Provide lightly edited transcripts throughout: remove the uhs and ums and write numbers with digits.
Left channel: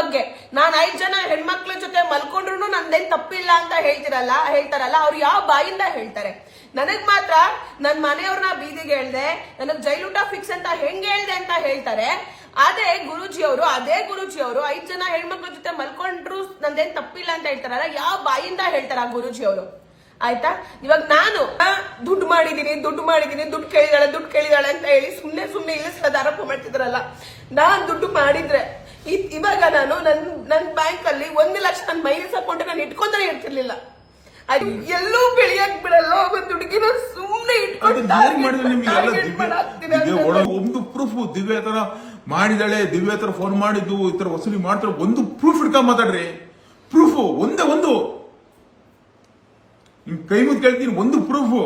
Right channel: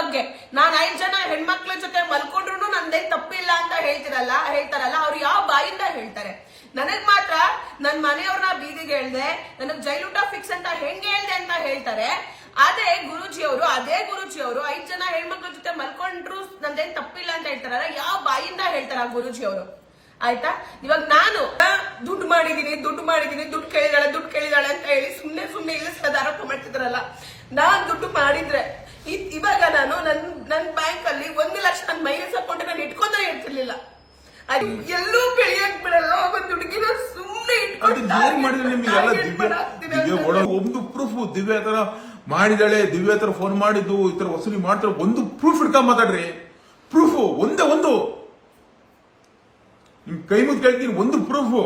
ಬಗ್ಗೆ ನಾನ್ 5 ಜನ ಹೆಣ್ಮಕ್ಳ ಜೊತೆ ಮಲ್ಕೊಂಡ್ರು ನಂದೇನ್ ತಪ್ಪಿಲ್ಲ ಅಂತ ಹೇಳ್ತಾರಲ್ಲ ಅವ್ರು ಯಾವ ಬಾಯಿಂದ ಹೇಳ್ತಾರೆ? ನನಗ್ ಮಾತ್ರ ನನ್ ಮನೆಯವ್ರನ್ನ ಬೀದಿಗೆ ಹೇಳ್ದೆ, ನನಗ್ ಜೈಲೂಟ ಫಿಕ್ಸ್ ಅಂತ ಹೆಂಗ್ ಹೇಳ್ದೆ ಅಂತ ಹೇಳ್ತಾರೆ. ಅದೇ ಗುರೂಜಿಯವರು 5 ಜನ ಹೆಣ್ಮಕ್ಳ ಜೊತೆ ಮಲ್ಕೊಂಡ್ರು ನಂದೇನ್ ತಪ್ಪಿಲ್ಲ ಅಂತ ಹೇಳ್ತಾರಲ್ಲ, ಯಾವ ಬಾಯಿಂದ ಹೇಳ್ತಾರ ಗುರೂಜಿಯವರು? ಆಯ್ತಾ, ಇವಾಗ ನಾನು ದುಡ್ಡು ಮಾಡಿದೀನಿ, ದುಡ್ಡು ಕೇಳಿದಾಳೆ ಅಂತ ಹೇಳಿ ಸುಮ್ನೆ ಇಳಿಸ್ಕೊಳ್ಳೋದು ಆರೋಪ ಮಾಡ್ತಿದ್ರಲ್ಲ. ನಾನ್ ದುಡ್ಡು ಮಾಡಿದ್ರೆ ಇವಾಗ ನಾನು ನನ್ ಬ್ಯಾಂಕ್ ಅಲ್ಲಿ 1 ಲಕ್ಷ ನನ್ನ ಮೈನಸ್ ಅಕೌಂಟ್ ನಾನು ಇಟ್ಕೊಂಡೇ ಇರ್ತಿರ್ಲಿಲ್ಲ. ಅದು ಎಲ್ಲೂ ಬೆಳೆಯಕ್ ಬಿಡಲ್ಲ. ಒಂದು ಹುಡುಗಿನ ಸುಮ್ನೆ ಒಂದು ಪ್ರೂಫ್ ದಿವ್ಯ ತರ ಮಾಡಿದಾಳೆ, ದಿವ್ಯ ತರ ಫೋನ್ ಮಾಡಿದ್ದು ಈ ತರ ವಸೂಲಿ ಮಾಡ್ತಾರೆ, ಒಂದು ಪ್ರೂಫ್ ಇಡ್ಕೊಂಡ್ ಮಾತಾಡ್ರಿ. ಪ್ರೂಫ್ ಒಂದೇ ಒಂದು ನಿಮ್ ಕೈ ಮುದ್ದು ಕೇಳ್ತೀನಿ, ಒಂದು ಪ್ರೂಫ್.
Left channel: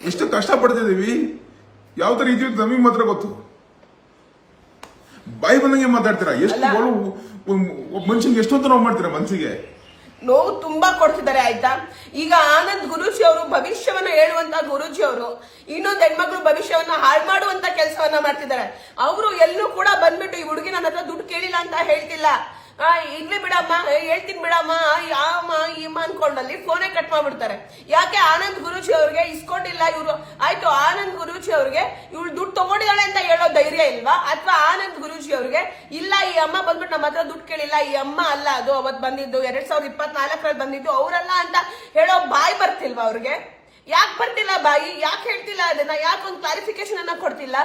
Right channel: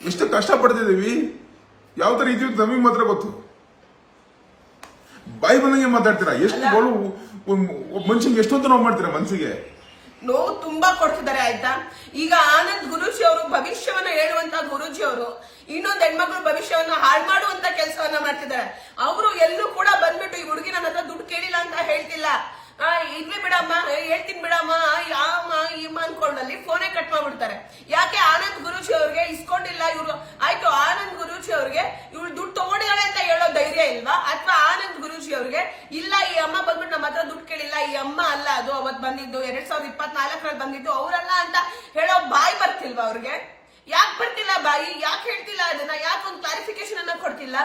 ಎಷ್ಟು ಕಷ್ಟ ಪಡ್ತಿದೀವಿ, ಯಾವ ತರ ಇದೀವಿ ನಮಗೆ ಮಾತ್ರ ಗೊತ್ತು. ಬಾಯಿ ಬಂದಂಗೆ ಮಾತಾಡ್ತೀರಾ. ಎಷ್ಟು ಮನುಷ್ಯನ್ಗೆ ಎಷ್ಟೊಂದು ನೋವು ಮಾಡ್ತೀರಾ, ಮನ್ಸಿಗೆ ನೋವು ತುಂಬಾ ಕೊಡ್ತಿದ್ದಾರೆ. ಆಯ್ತಾ, ಈಗ ಆನಂದ್ ಗುರೂಜಿ ಅವರು ಭವಿಷ್ಯವನ್ನ ಹೇಳುವಂತ ಗುರೂಜಿ ಅವರು ಇನ್ನೊಂದು ಹೆಣ್ಮಕ್ಳು ಭವಿಷ್ಯವನ್ನ ಹಾಳು ಮಾಡುವಂತ ಕೆಲಸವನ್ನ ಮಾಡ್ತಿದ್ದಾರೆ. ಅವರು ಎಲ್ಲೂ ಕೂಡ ಬಂದ್ಬಿಟ್ಟು ಈ ಹುಡುಗಿ ನನ್ನ ಹತ್ರ ದುಡ್ಡು ಕೇಳಿಲ್ಲ ಅಂತ ಹೇಳ್ತಿಲ್ಲ. ಇಲ್ಲೇ ಬಿಡಮ್ಮ, ಹೇಳ್ತೀನಿ ಬಿಡಮ್ಮ, ಇಮ್ಮ ಅನ್ಕೊಂಡಲ್ಲಿ ಫೋನೇ ಕಟ್ ಮಾಡ್ಬಿಡ್ತಾರೆ. ಯಾಕೆ? ಆನಂದ್ ಗುರೂಜಿ ಅವ್ರಿಗೆ ಇಸ್ಕೊಂಡಿಲ್ಲ ಇವ್ರು. ಆಯ್ತು, ಆನಂದ್ ಗುರೂಜಿ ಅವ್ರಿಗೆ ಇವಳು ದುಡ್ಡು ತಗೊಂಡಿದ್ದಾಳೆ ಅಂತ ಹೇಳೋ ಧೈರ್ಯ ಇಲ್ವಾ? ಅಥವಾ ಆನಂದ್ ಗುರೂಜಿ ಅವ್ರಿಗೆ ಇಲ್ಲ ಈ ಅಮ್ಮ ಬಂದ್ಬಿಟ್ಟು ನಮ್ಮ ಹತ್ರ ದುಡ್ಡು ಕೇಳಿಲ್ಲ, ಈ ಅಮ್ಮ ಅಲ್ಲ ಅದು ಅವತ್ ಬಂದಿದ್ದು 2024 ಬಂದಿದ್ದು ಅವರಲ್ಲ ಅಂತ ಹೇಳೋ ಬಾಯಿ ಬರ್ತಿಲ್ವಾ ಅವ್ರಿಗೆ? ಯಾಕೆ ಬರ್ತಿಲ್ಲ ಬಾಯಿ? ಯಾಕೆ ಹೇಳ್ತಿಲ್ಲ ಅದನ್ನ? ಯಾಕೊಂದು ಕ್ಲಾರಿಫಿಕೇಶನ್ ಅನ್ನ ಕೊಡ್ತಿಲ್ಲ?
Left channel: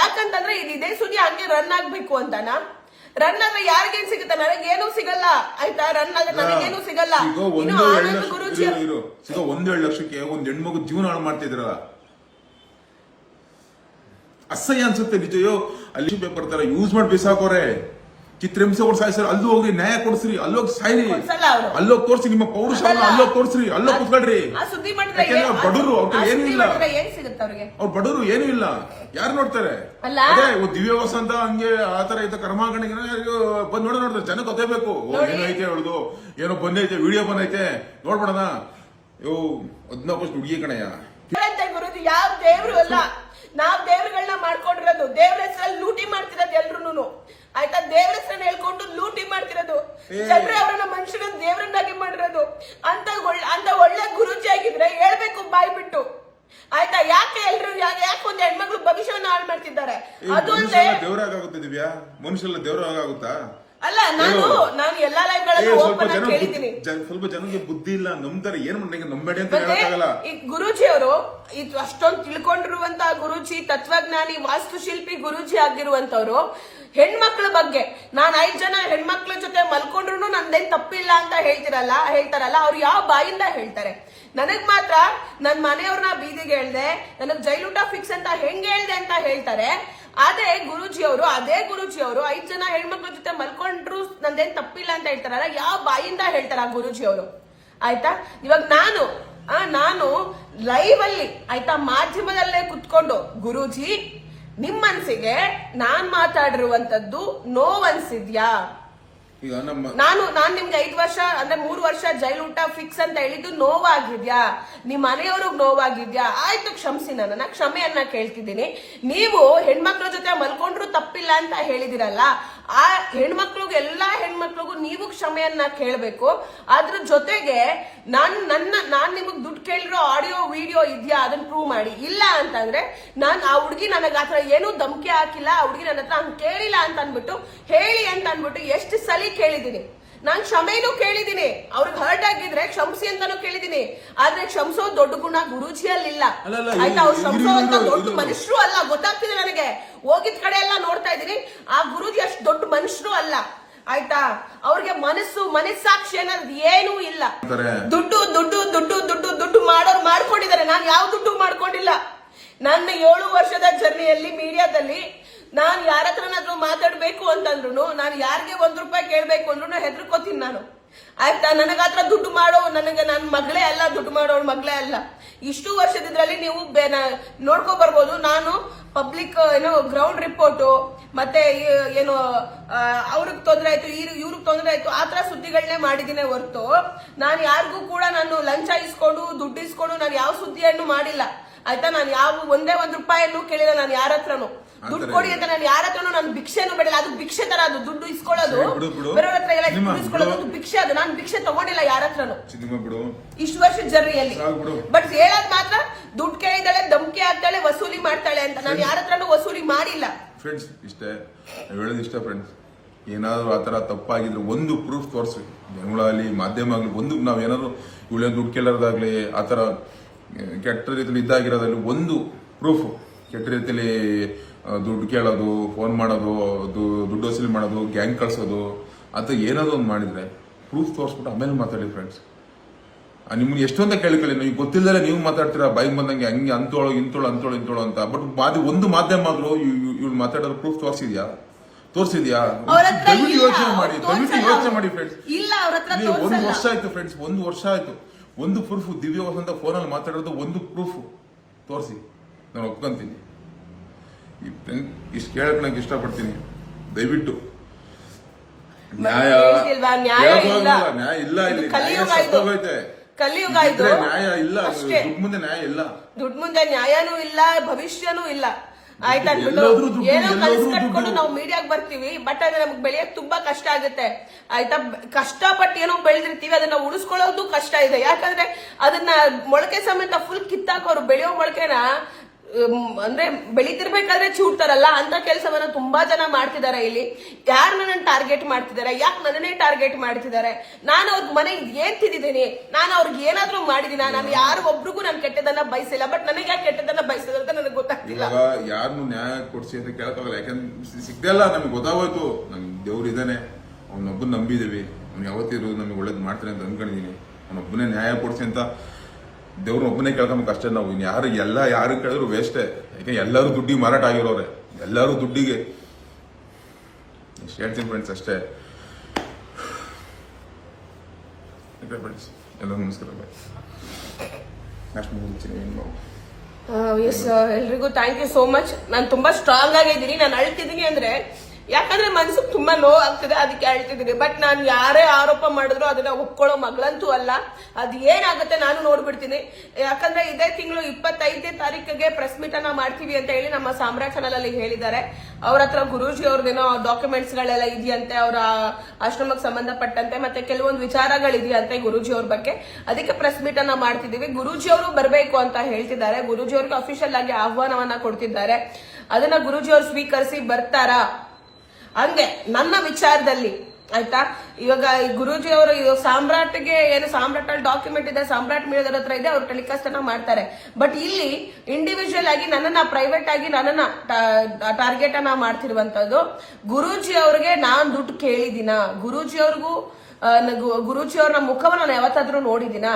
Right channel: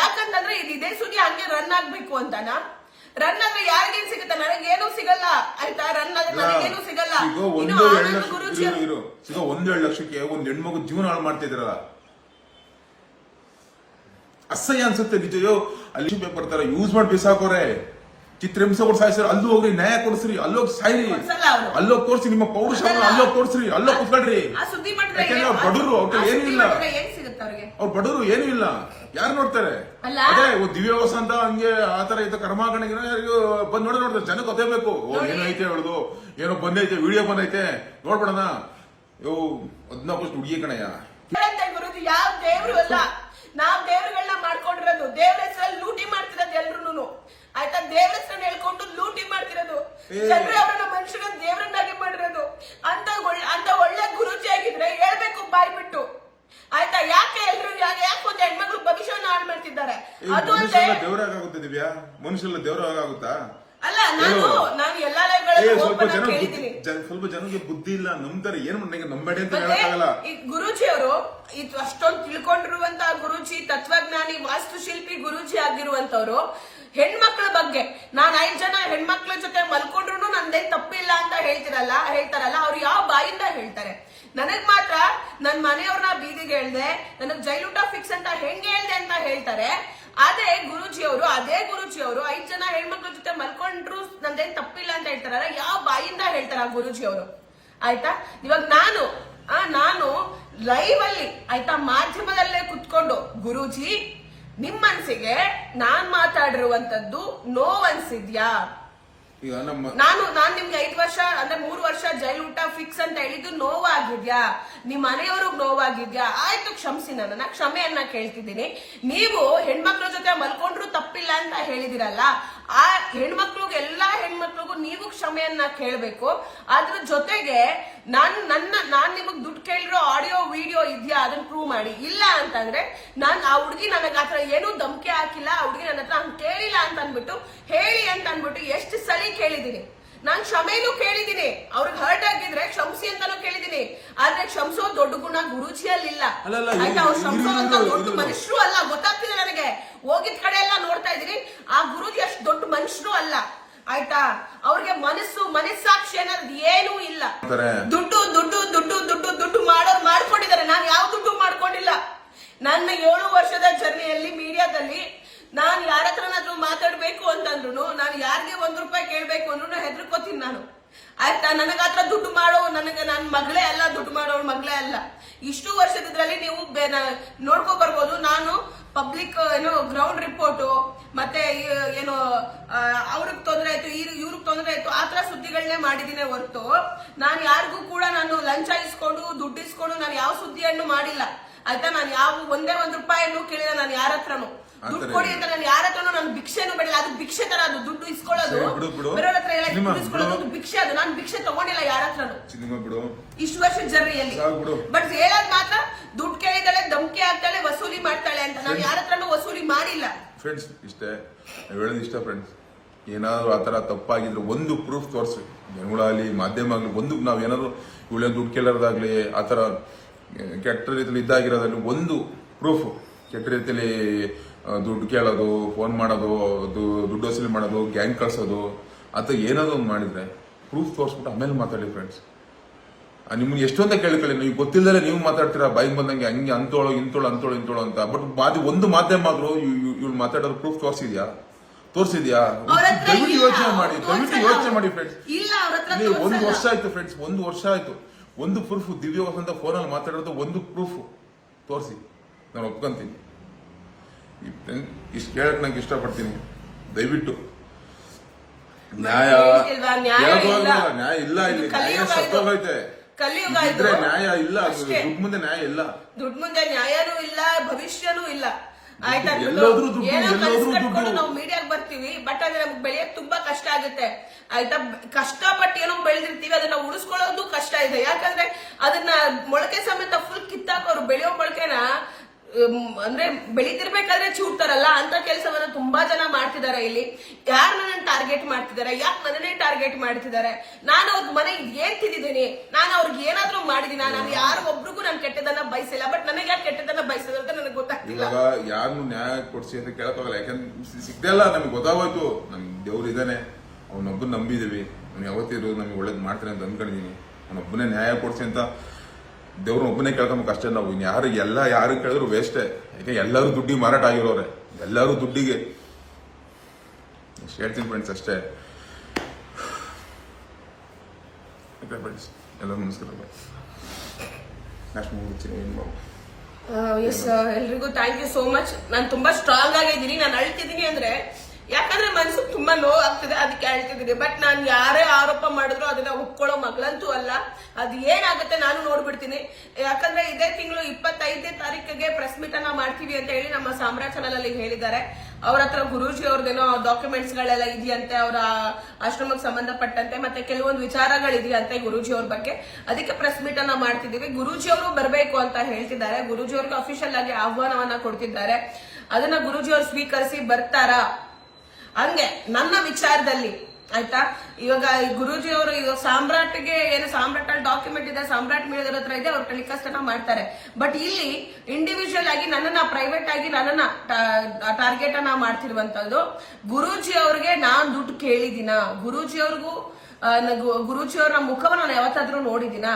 ಯಾಕಂತಂದ್ರೆ ಇದೇ ಸುದ್ದಿ ಹಂಗೆ ರನ್ ಆಗ್ಬೇಕು ಅಂತನಾ? ರನ್ ಆದ್ರೆ ಯಾರಿಗೇನು ಸಿಗುತ್ತೆ? ನನಗೇನು ಸಿಗಲ್ಲ. ಆಯ್ತಾ, ರನ್ ಆದ್ರೆ ನನಗೇನು ಸಿಗಲ್ಲ. ಈಗ 1.7 ಲಕ್ಷಕ್ಕೆ ಒಂದ್ ಹೆಣ್ಮಗು ಜೀವನ ಹಾಳು ಮಾಡ್ತಿದ್ರಲ್ಲ, ಅಸಹ್ಯ ಅನ್ಸುತ್ತೆ ನಿಜಯೋ. ಅಲ್ಲಿ ಪೇಪರ್ ತರ ಯೂಸ್ ಮಾಡಿ ಬಿಸಾಕೋರೆ, ಚಿತ್ರಹಿಂಸೆ ಕೊಡ್ ಸಾಯಿಸ್ರಿ. ಅಲ್ಲೂ ಹೋಗ್ರಿ, ನ್ಯಾಯ ಕೊಡಿಸ್ರಿ, ಅಲ್ಲೋಗಿ ಸಾಯ್ರಿ, ಅಲ್ಲೋಗಿ ತೋರ್ಸಿ ನಿಮ್ಮ ಪೌರುಷವನ್ನ, ಅಲ್ಲೋಗಿ ತೋರ್ಸ್ರಿ, ಅಲ್ಲೋಗಿ ಕುತ್ಕೊಳ್ರಿ. ಯಾಕೆಂದ್ರೆ ಬಡವರು, ಅವ್ರ ಏನೂ ಇಲ್ಲ, ಅವ್ರ ಬಡವರು ಏನೂ ಇಲ್ಲ, ಯಾರು ನೋಡ್ತಾರೆ? ಅದೇ ದಿವ್ಯವಸ ಅಂತ ಹಂಗೆ ಆತರ ಐತೆ ಕರ್ಮಾಗಣಿಗೆ ಬಂದ್ ನೋಡ್ತಾರೆ. ಜನಕ್ಕೆ ಗೊತ್ತೇಬೇಕು, ಏನೋ ಐತೆ ಹೇಳುದು, ಏನೋ ಬಂದೈತೆ, ವಿಡಿಯೋ ಬಂದೈತೆ, ನೋಡ್ಬಿಡೋಣ. 19 ಹುಡುಗಿ ಕಣಯ್ಯ. ಗುರುಜಿ ಯಾವ ದೇವ್ರು ಅಲ್ಲ, ನಾವ್ ದೇವ್ರುಗಳನ್ನ ಮಾಡ್ಕೊಂಡಿರೋದು, ದೇವ್ರ ಹೆಸರಲ್ಲಿ ಲೂಟಿ ಮಾಡ್ತಿರೋದು ಎಲ್ರು. ಆಯ್ತಾ, ದೇವ್ರ ಹೆಸರನ್ನ ಹೇಳ್ಕೊಂಡು ಲೂಟಿ ಮಾಡ್ತಿರೋದು, ಜನರೇ ಅವರನ್ನ ಮನುಷ್ಯರನ್ನ ದೇವ್ರನ್ನಾಗಿ ಮಾಡಿರೋದು. ಅಂತ ಒಳ್ಳೆ ಗುರುಜಿ ಆಗಿದ್ರೆ ಹೇಳ್ಬೇಕು ಬಾಯ್ ಬಿಟ್ಟು. ಆಯ್ತಾ, ಯಾಕೆ ಎಲ್ರು ಯಾಕೆ ಒಂದು ಹೆಣ್ಮಕ್ಳು ಭವಿಷ್ಯವನ್ನು ಹಾಳು ಮಾಡ್ತಿದ್ದಾರೆ? ಅದು ದೇವರಾಗುತ್ತೆ ದಿವ್ಯಾ, ಮನುಷ್ಯಲ್ಲ ದೇವರಾಗುತ್ತಾ? ಅಲ್ಲ, ನಾನು ಎಲ್ಲಾ ಲೈವ್ಗಳಲ್ಲಿ ಸ್ವಲ್ಪ ಜನಕ್ಕೆ ಬುದ್ಧಿ ಇಲ್ಲ, ನಂಬ್ತಾರೆ. ಏನ್ ನಂಬೇಡಿ ಅಂತ ಹೇಳಕ್ಕಾಗಲ್ಲ. ಗುರೂಜಿ ಅವರು ಅಷ್ಟೊಂದು ತಿಳ್ಕೊಂಡಿರುವಂತಹ ಗುರೂಜಿ, ತತ್ವಜ್ಞಾನಿ, ವಾಸ್ತುಶಿಲ್ಪಿ ಗುರೂಜಿ ಆಗಿರುವಂತವ್ರು ಹೆಣ್ಮಕ್ಳ ಬಗ್ಗೆ ನಾನ್ 5 ಜನ ಹೆಣ್ಮಕ್ಳ ಜೊತೆ ಮಲ್ಕೊಂಡ್ರು ನಂದೇನ್ ತಪ್ಪಿಲ್ಲ ಅಂತ ಹೇಳ್ತಾರಲ್ಲ, ಅವ್ರು ಯಾವ ಬಾಯಿಂದ ಹೇಳ್ತಾರೆ? ನನಗ್ ಮಾತ್ರ ನನ್ ಮನೆಯವ್ರನ್ನ ಬೀದಿಗೆ ಹೇಳ್ದೆ, ನನಗ್ ಜೈಲೂಟ ಫಿಕ್ಸ್ ಅಂತ ಹೆಂಗ್ ಹೇಳ್ದೆ ಅಂತ ಹೇಳ್ತಾರೆ. ಅದೇ ಗುರೂಜಿಯವರು 5 ಜನ ಹೆಣ್ಮಕ್ಳ ಜೊತೆ ಮಲ್ಕೊಂಡ್ರು ನಂದೇನ್ ತಪ್ಪಿಲ್ಲ ಅಂತ ಹೇಳ್ತಾರಲ್ಲ, ಯಾವ ಬಾಯಿಂದ ಹೇಳ್ತಾರ ಗುರೂಜಿಯವರು? ಆಯ್ತಾ, ಇವಾಗ ನಾನು ಲೈವ್ ಅಲ್ಲಿ, ಆಯ್ತಾ, ಮಾಧ್ಯಮದಲ್ಲೇ ಕುತ್ಕೊಂಡು ಗುರೂಜಿ ನಿಮ್ ಮನ್ಸಿಗೆ ನಾನ್ ಮಾತಾಡಿರುವಂತದ್ದು ನೋವು ಅನ್ಸಿದ್ಯಾ? ನಾನು ನಿಮ್ಗೆ 5 ವರ್ಷ ಅಂದ್ರೆ 3 ವರ್ಷ ಜೈಲೂಟ ಫಿಕ್ಸ್ ಅಂತ ಹೇಳಿದ್ದು ನೋವಾಗಿದ್ಯಾ? ನಿಮ್ ಮನೆಯವ್ರಿಗೆ ನೋವಾಗಿದ್ಯಾ? ಆಯ್ತು, ಕ್ಷಮಿಸಿ, ನನ್ನ ಕ್ಷಮೆಯನ್ನ ಕೇಳ್ತಿದ್ದೀನಿ. ನೀವು ಹೆಣ್ಮಕ್ಳ ಜೊತೆ ಮಲ್ಕೊಂಡ್ರು ತಪ್ಪಿಲ್ಲ ಅಂತ ಹೇಳಿದಿರಲ್ಲ, ಆ ಎಲ್ಲಾ ಹೆಣ್ಮಕ್ಳಿಗೂ ನೀವು ಕ್ಷಮೆಯನ್ನ ಕೇಳಬೇಕು. ಅದ್ರ ಜೊತೆಗೆ ನಾನ್ ನಿಮಗ್ ದುಡ್ಡು ಕೇಳಿರೋ ಆಡಿಯೋ ವಿಡಿಯೋ ಇದೆಯಾ ಅದನ್ನ ಪ್ರೂವ್ ಮಾಡಿ. ಇಲ್ಲ ಅಂತಂದ್ರೆ ಆ ಹುಡುಗಿ ನನಗ ಆತರ ಏನೂ ಧಮಕಿ ಹಾಕಿಲ್ಲ, ಆ ಹುಡುಗಿ ನನ್ನ ಹತ್ರ ಹಂಗ್ ಕೇಳಿಲ್ಲ ಅಂತ ಅನ್ಬಿಟ್ಟು ಹೇಳಿ ಅಂತ ಅನ್ಬಿಟ್ಟು ಎಷ್ಟು ಸಲ ಕೇಳಿದೀನಿ. ನಾನ್ ಕ್ಷಮೆನೂ ಕೇಳಿದೀನಿ, ಅವ್ರಿಗೆ ಹರ್ಟ್ ಆಗಿದ್ರೆ ಕ್ಷಮಿಸಿ ಅಂತಾನು ಕೇಳಿದೀನಿ. ಆದ್ರೆ ಕ್ಷಮಿಸೋ ದೊಡ್ಡ ಗುಣ ಗುರೂಜಿಯಲ್ಲಿಲ್ಲ. ಆಯ್ತಾ, ಅವ್ರು ಕ್ಷಮಿಸೋಂತ ದೊಡ್ಡ ಮನುಷ್ಯರು ಅಲ್ಲ, ಗೊತ್ತಾಗ್ತಿದೆ ನನಗೆ. ಹೋಗಿದ್ ಕಡೆ ಎಲ್ಲ ನೋಡ್ತಾ ಇದೀನಿ, ಆ ಗುರೂಜಿ ಅಷ್ಟು ದೊಡ್ಡ ಮನುಷ್ಯರು ಅಲ್ಲ. ಆಯ್ತಾ, ಅವ್ರಿಗೆ ಮನಸ್ಸಾಕ್ಷಿ ಅನ್ನೋದು ಏನೂ ಇಲ್ಲ. ದುಡ್ಡು ದುಡ್ಡು ದುಡ್ಡು ದುಡ್ಡು ದುಡ್ಡು ಮಾಡ್ಕೊಂಡಿದ್ದಾರೆ. ನಾನು ಯಾವ ದುಡ್ಡು ಮಾಡ್ಕೊಂಡಿಲ್ಲ. ನನ್ನ 7 ವರ್ಷದ ಜರ್ನಿಯಲ್ಲಿ ಮೀಡಿಯಾದಲ್ಲಿ ನಾನು ಯಾರ ಹತ್ರನಾದ್ರೂ ಮಾತಾಡ್ಬೇಕು ಅಂತಂದ್ರು, ನಾನು ಯಾರಿಗೆ 1 ರೂಪಾಯಿ ಕೇಳ್ಬೇಕು ಅಂದ್ರೂ ಹೆದರ್ಕೋತೀನಿ ನಾನು. ಆಯ್ತಾ, ನನಗಾತ್ರ ದುಡ್ಡು ಮಾಡೋ ನನ್ನ ಮಗಳೇ ಅಲ್ಲ, ದುಡ್ಡು ಮಾಡೋಳು ಮಗಳೇ ಅಲ್ಲ. ಇಷ್ಟು ವರ್ಷದಿದ್ರಲ್ಲಿ ನೀವು ನೋಡ್ಕೊ ಬರ್ಬೋದು. ನಾನು ಪಬ್ಲಿಕ್ ಗ್ರೌಂಡ್ ರಿಪೋರ್ಟು ಮತ್ತೆ ಅವ್ರಿಗೆ ತೊಂದರೆ ಆಯ್ತು, ಇವ್ರಿಗೆ ತೊಂದರೆ ಆಯ್ತು, ಆತರ ಸುದ್ದಿಗಳನ್ನೇ ಮಾಡಿದೀನಿ ಹೊರತು ನಾನು ಯಾರಿಗೂ ಕೂಡ ನಾನು ಲಂಚ ಇಸ್ಕೊಂಡು ದುಡ್ಡು ಇಸ್ಕೊಂಡು ನಾನು ಯಾವ ಸುದ್ದಿಯನ್ನು ಮಾಡಿಲ್ಲ. ಆಯ್ತಾ, ನಾನು ಒಂದೇ 1 ರೂಪಾಯಿಯನ್ನು ಕೇಳಿಲ್ಲ. ನಾನು ಯಾರ ಹತ್ರನು ದುಡ್ಡು ಕೊಡಿ ಅಂತ ನಾನು ಯಾರ ಹತ್ರನು ನಾನು ಭಿಕ್ಷೆನೂ ಬೇಡಿಲ್ಲ. ಅದು ಭಿಕ್ಷೆ ತರ, ಅದು ದುಡ್ಡು ಇಸ್ಕೊಳ್ಳೋ ಮಾಡೋದು ಬಿಡು, ಬಿಡು. ಬೇರೆಯವ್ರ ಹತ್ರ ಎಲ್ಲ ನಿಮ್ಮ ಇಸ್ಕೊಳ್ಳೋದು ಬಿಡು. ಭಿಕ್ಷೆ. ಅದು ನಾನು ಭಿಕ್ಷೆ ತಗೊಂಡಿಲ್ಲ ಯಾರ ಹತ್ರನು ಸಿನಿಮಾ ಬಿಡು ಇಷ್ಟು ವರ್ಷದ ಜರ್ನಿಯಲ್ಲಿ. ಸಾಕು ಬಿಡು. ಬಟ್ ಹೇಳೋದ್ ಮಾತ್ರ ದುಡ್ಡು ಕೇಳಿದಾಳೆ, ಧಮಕಿ ಹಾಕ್ತಾಳೆ, ವಸೂಲಿ ಮಾಡ್ತಾಳೆ ಅಂತ. ನಾನು ಯಾರ ಹತ್ರನು ವಸೂಲಿ ಮಾಡಿಲ್ಲ ಫ್ರೆಂಡ್ಸ್. ಇಷ್ಟೇ ನಾವ್ ಹೇಳೋದು ಇಷ್ಟ ಫ್ರೆಂಡ್ಸ್. ಏನಾದ್ರು ಆತರ ತಪ್ಪಾಗಿದ್ರೆ ಒಂದು ಪ್ರೂಫ್ ತೋರಿಸ್ರಿ, ಜನಗಳಾಗ್ಲಿ ಮಾಧ್ಯಮ ಆಗ್ಲಿ. ಒಂದು ನಾವ್ ಏನಾದ್ರು ಇವಳೇ ದುಡ್ಡು ಕೇಳೋದಾಗ್ಲಿ ಆತರ ಕೆಟ್ಟ ರೀತಿಯಲ್ಲಿ ಇದ್ದಾಗಿರೋದ್ರಲ್ಲಿ ಒಂದು ಪ್ರೂಫ್, ಕೆಟ್ಟ ರೀತಿಯಲ್ಲಿ ದುಡ್ಡು ಕೇಳೋದು, ಫೋನ್ ಮಾಡೋದು, ದುಡ್ಡು ವಸೂಲಿ ಮಾಡೋದು, ಗ್ಯಾಂಗ್ ಕಳ್ಸೋದು ಅಥವಾ ಏನಾದ್ರು ಒಂದು ಮಾಡಿದ್ರೆ ಪ್ರೂಫ್ ತೋರಿಸ್ಬಿಟ್ಟು ಆಮೇಲೆ ಮಾತಾಡಿ ಫ್ರೆಂಡ್ಸ್. ನಿಮ್ಗೆ ಎಷ್ಟು ಅಂತ ಕೇಳ್ಕೊಳ್ಳಿ, ನೀವು ಗೊತ್ತಿಲ್ಲದೆ ನೀವು ಮಾತಾಡ್ತೀರಾ ಬಾಯಿಗೆ ಬಂದಂಗೆ, ಹಂಗೆ ಅಂತೋಳು ಇಂತೋಳು ಅಂತ. ಬಟ್ ಒಂದು ಮಾಧ್ಯಮ ಆದ್ರೂ ಇವ್ಳು ಮಾತಾಡೋದು ಪ್ರೂಫ್ ತೋರಿಸಿದ್ಯಾ? ದಯವಿಟ್ಟು ಯೋಚನೆ ಮಾಡಿ ಫ್ರೆಂಡ್ಸ್. ಇಲ್ಲ, ಅವ್ರ ಹತ್ರ ನೀವು 1 ವರ್ಷ ಆಯ್ತು ಫ್ರೆಂಡ್ಸ್, 1 ವರ್ಷ ಆಯ್ತು. ಒಂದು ಪ್ರೂಫ್ ದಿವ್ಯ ವಸಂತ ಫೋನಲ್ಲಿ ಮಾತಾಡೋದು ಒಂದು ಪ್ರೂಫ್ ತೋರಿಸಿ, ನಾನು ಒಪ್ಕೊಂತೀನಿ. ಇಷ್ಟು ಕೇಳಕ್ ನಂಗೆ ಇಷ್ಟಪಡ್ತೀನಿ. ದಯವಿಟ್ಟು ನ್ಯಾಯ ಇಲ್ಲ, ಇಲ್ಲಿ ನ್ಯಾಯ ಸತ್ತೋಗೈತೆ. ಕಲಿಯುಗ ಇದ್ರೆ ನ್ಯಾಯ ಇಲ್ಲ, ದುಡ್ಡು ಮುಂದೆ ನ್ಯಾಯ ಇಲ್ಲ, ದುಡ್ಡು ಮುಂದೆ ನ್ಯಾಯನೂ ಇಲ್ಲ, ಭವಿಷ್ಯನೂ ಇಲ್ಲ. ಆಯ್ತಾ? ಎಲ್ಲೋದ್ರೂ ದುಡ್ಡು, ಏನೋ ಎಲ್ಲೋದ್ರೂ ಕಲ್ಸ್ಕೊಂಡು ದುಡ್ಡು. ನಾವು ಮೀಡಿಯಾಗ್ ಬರ್ತೀವಿ, ಬಟ್ ಅದು ನಮ್ಗೆ ಬೆಳೆಯಕ್ ತುಂಬಾ ಕಷ್ಟ ಆಗುತ್ತೆ. ಆಯ್ತಾ? ಕಷ್ಟಪಟ್ಟು ಏನೋ ಬೆಳೆದಿರ್ತೀವಿ, ಅದನ್ನ ಉಳಿಸ್ಕೊಳ್ಳೋದು ಕಷ್ಟ ಇದೆ. ಯಾಕಂದ್ರೆ ಅದನ್ನ ಮೊಳಕೆ ಸಮೇತ ಫುಲ್ ಕಿತ್ತಾಕೋರು. ಬೆಳೆಯೋ ಮೊಳಕೆನ ಅಂದ್ರೆ ಬೆಳಿತಿರ್ಬೇಕಾದ್ರೆ ಚೂಡ್ತಾರಲ್ಲ, ಅಂತ ಕೆಲಸವನ್ನ ತುಂಬಾ ಜನ ಮಾಡ್ತಿದ್ದಾರೆ. ಇಲ್ಲಿ ಯಾರು ನನ್ನ ಟಾರ್ಗೆಟ್ ಮಾಡ್ತಿದ್ದಾರೆ? ಯಾಕೆ ನನ್ನನ್ನೇ ಟಾರ್ಗೆಟ್ ಮಾಡ್ತಿದ್ದಾರೆ? ನಾನು ಅವ್ರ ಮನೆಗೆ ಏನ್ ತಿಂದಿದ್ದೀನಿ? ನಾನು ಅವ್ರಿಗೆ ಏನಾದ್ರೂ ಮಾಡಿದೀನ? ನಾನು ಯಾರು ಒಬ್ರಿಗೂ ನಾನು ಕೆಟ್ಟದನ್ನ ಬಯಸಿಲ್ಲ. ಬಟ್ ನನಗೆ ಯಾಕೆ ಕೆಟ್ಟದನ್ನ ಬಯಸಿದ್ರು ಅಂತ ನನಗೆ ಗೊತ್ತಾಗ್ತಿಲ್ಲ. ಇವಾಗ ಯಾರನ್ನು ನ್ಯಾಯ ಕೊಡ್ಸಿ ಅಂತ ಕೇಳಕ್ಕಾಗಲ್ಲ. ಯಾಕಂದ್ರೆ ಸಿಗ್ದೆಲ್ಲ ನಮ್ಗೆ ಗೊತ್ತಾಗೋಯ್ತು. ನಮ್ಗೆ ದೇವ್ರು ಇದ್ದಾನೆ, ಅವನೊಬ್ಬನ ನಂಬಿದೀವಿ. ಅವ್ನು ಯಾವತ್ತಿರು ನಮ್ಗೆ ಒಳ್ಳೇದ್ ಮಾಡ್ತಾನೆ ಅಂತ ಅನ್ಕೊಂಡಿದೀನಿ. ಅವನೊಬ್ಬನೇ ನ್ಯಾಯ ಕೊಡ್ಸಿ ಅಂತ ದೇವ್ರ ಒಬ್ಬನೇ ಕೇಳ್ಕೊಂಬೇಕು ಅಷ್ಟೇ. ನಾವು ಯಾರು ಕೇಳಿದ್ರು ವೇಸ್ಟೇ. ಯಾಕೆ ಎಲ್ಲರೂ ದುಡ್ಡಿಗೆ ಮಾರಾಟ ಆಗಿರೋರೆ, ಎಲ್ಲರೂ ದುಡ್ಡಿಗೆ. ಹೇಳ್ತೀನಿ ಫ್ರೆಂಡ್ಸ್ ಅಷ್ಟೇ. ಫ್ರೆಂಡ್ಸ್ ಎಲ್ಲರೂ ನಮಸ್ಕಾರ. ಎಸ್, ಎಲ್ರಿಗೂ ಥ್ಯಾಂಕ್ ಯು ಸೋ ಮಚ್. ನಾನು ತುಂಬಾ ಸ್ಟ್ರಾಂಗ್ ಆಗಿದ್ದೀನಿ. ನಾನು ಅಳ್ತಿದ್ದೀನಿ ಅಂದ್ರೆ ಯಾಕಂದ್ರೆ ಮನ್ಸಿಗೆ ತುಂಬಾ ನೋವು ಆಗ್ತದೆ, ಅದಕ್ಕೆ ಹೇಳ್ತಿದ್ದೀನಿ. ಬಟ್ ನಾನು ಯಾರೇ ಆರೋಪ ಮಾಡಿದ್ರು ಅದನ್ನ ಒಪ್ಕೊಳ್ಳೋ ಮಗಳಂತೂ ಅಲ್ಲ. ಅದು ಏನಾಗುತ್ತೆ ನಾನು ನೋಡ್ಬಿಡ್ತೀನಿ. ಯಾಕಂದ್ರೆ ಇದೇ ತಿಂಗಳು 25ನೇ ತಾರೀಕಿಗೆ ಪ್ರೆಸ್ ಮೀಟ್ ಅನ್ನ ಮಾಡ್ತೀವಿ ಅಂತ ಹೇಳಿ ನಮ್ಮ ಸಾಮ್ರಾಟ್ ಚಾನಲ್ ಅಲ್ಲಿ ಹೇಳಿದ್ದಾರೆ. ಅವ್ರ ಹತ್ರ ಗುರೂಜಿ ಅವ್ರದ್ದೇನೋ ಡಾಕ್ಯುಮೆಂಟ್ಸ್ ಗಳೆಲ್ಲ ಇದೆಯಂತೆ, ಅವರ ಆಶ್ರಮಕ್ಕೆ ಸಂಬಂಧಪಟ್ಟಂತೆ, ಮತ್ತೆ ಕೆಲವೊಂದು ವಿಚಾರಗಳಿದೆಯಂತೆ ಗುರೂಜಿ ಅವ್ರ ಬಗ್ಗೆ. ಅದಕ್ಕೆ ಪ್ರೆಸ್ ಮೀಟ್ ಅನ್ನ ಮಾಡ್ತಿದೀವಿ. ಗುರೂಜಿ ಅವರು ಬರಬೇಕು ಅಂತ ಹೇಳ್ತಿದ್ದಾರೆ. ಗುರೂಜಿ ಅವ್ರಿಗೆ ಅಫಿಷಿಯಲ್ ಆಗಿ ಆಹ್ವಾನವನ್ನ ಕೊಡ್ತಿದ್ದಾರೆ. ಅದನ್ನ ಗುರೂಜಿ ಅವ್ರು ಸ್ವೀಕರಿಸಿ ಬರ್ತಾರಾ ಹಂಗೆ ನನ್ನ ವಿಚಾರದಲ್ಲಿ. ಆಯ್ತಾ? ಇವಾಗ ಗುರೂಜಿ ಅವರು ಇವಾಗ ಸಾಮ್ರಾಟ್ಗೆ ಏನು ಸಾಮ್ರಾಟ್ ಅಲ್ಲಿ ಡಾಕ್ಯುಮೆಂಟ್ ಇದೆ, ಸಾಮ್ರಾಟ್ ಮೀಡಿಯಾದವ್ರ ಹತ್ರ ಇದೆ, ಅವ್ರು ಟೆಲಿಕಾಸ್ಟ್ ಅನ್ನ ಮಾಡ್ತಾರೆ. ಬಟ್ ಇಲ್ಲಿ ಇಂಡಿವಿಜುವಲ್ ಆಗಿ ನನ್ನನ್ನ ಪ್ರೈವೇಟ್ ಆಗಿ ನನ್ನನ್ನ ಟಾರ್ಗೆಟ್ ಅನ್ನ ಮಾಡ್ತಿರುವಂತದ್ದು. ಗುರೂಜಿ ಅವ್ರಿಗೆ ನಾನ್ ದುಡ್ಡು ಕೇಳಿದಿನ? ಗುರೂಜಿ ಅವ್ರಿಗೂ ಗುರೂಜಿ ಅವ್ರ ಮುಖವನ್ನು ನಾನು ಯಾವತ್ತಾದ್ರೂ ನೋಡಿದಿನ?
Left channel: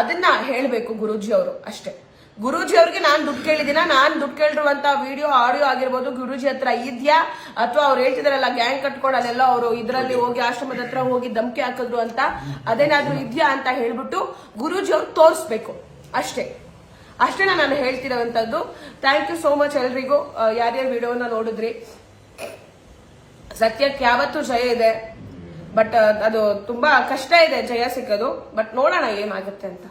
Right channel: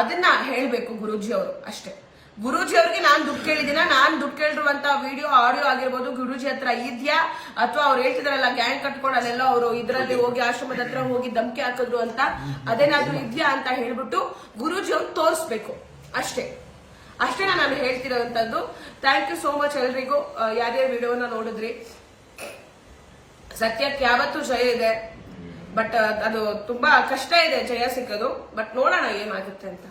ಅದನ್ನ ಹೇಳ್ಬೇಕು ಗುರೂಜಿ ಅವರು ಅಷ್ಟೇ. ಗುರೂಜಿ ಅವ್ರಿಗೆ ನಾನ್ ದುಡ್ಡು ಕೇಳಿದಿನ? ನಾನ್ ದುಡ್ಡು ಕೇಳಿರುವಂತ ವಿಡಿಯೋ ಆಡಿಯೋ ಆಗಿರ್ಬೋದು ಗುರೂಜಿ ಹತ್ರ ಇದ್ಯಾ? ಅಥವಾ ಅವ್ರು ಹೇಳ್ತಿದಾರಲ್ಲ ಗ್ಯಾಂಗ್ ಕಟ್ಕೊಂಡು ಅಲ್ಲೆಲ್ಲ ಅವರು ಇದ್ರಲ್ಲಿ ಹೋಗಿ ಆಶ್ರಮದ ಹತ್ರ ಹೋಗಿ ಧಮಕಿ ಹಾಕಿದ್ರು ಅಂತ, ಅದೇನಾದ್ರೂ ಇದ್ಯಾ ಅಂತ ಹೇಳ್ಬಿಟ್ಟು ಗುರೂಜಿ ಅವ್ರು ತೋರಿಸ್ಬೇಕು ಅಷ್ಟೇ. ನಾನು ಹೇಳ್ತಿರೋಂಥದ್ದು. ಥ್ಯಾಂಕ್ ಯು ಸೋ ಮಚ್ ಎಲ್ರಿಗೂ, ಯಾರ್ಯಾರು ವಿಡಿಯೋನ ನೋಡಿದ್ರಿ. ಸತ್ಯಕ್ಕೆ ಯಾವತ್ತೂ ಜಯ ಇದೆ, ಬಟ್ ಅದು ತುಂಬಾ ಕಷ್ಟ ಇದೆ ಜಯ ಸಿಕ್ಕೋದು. ಬಟ್ ನೋಡೋಣ ಏನಾಗುತ್ತೆ ಅಂತ.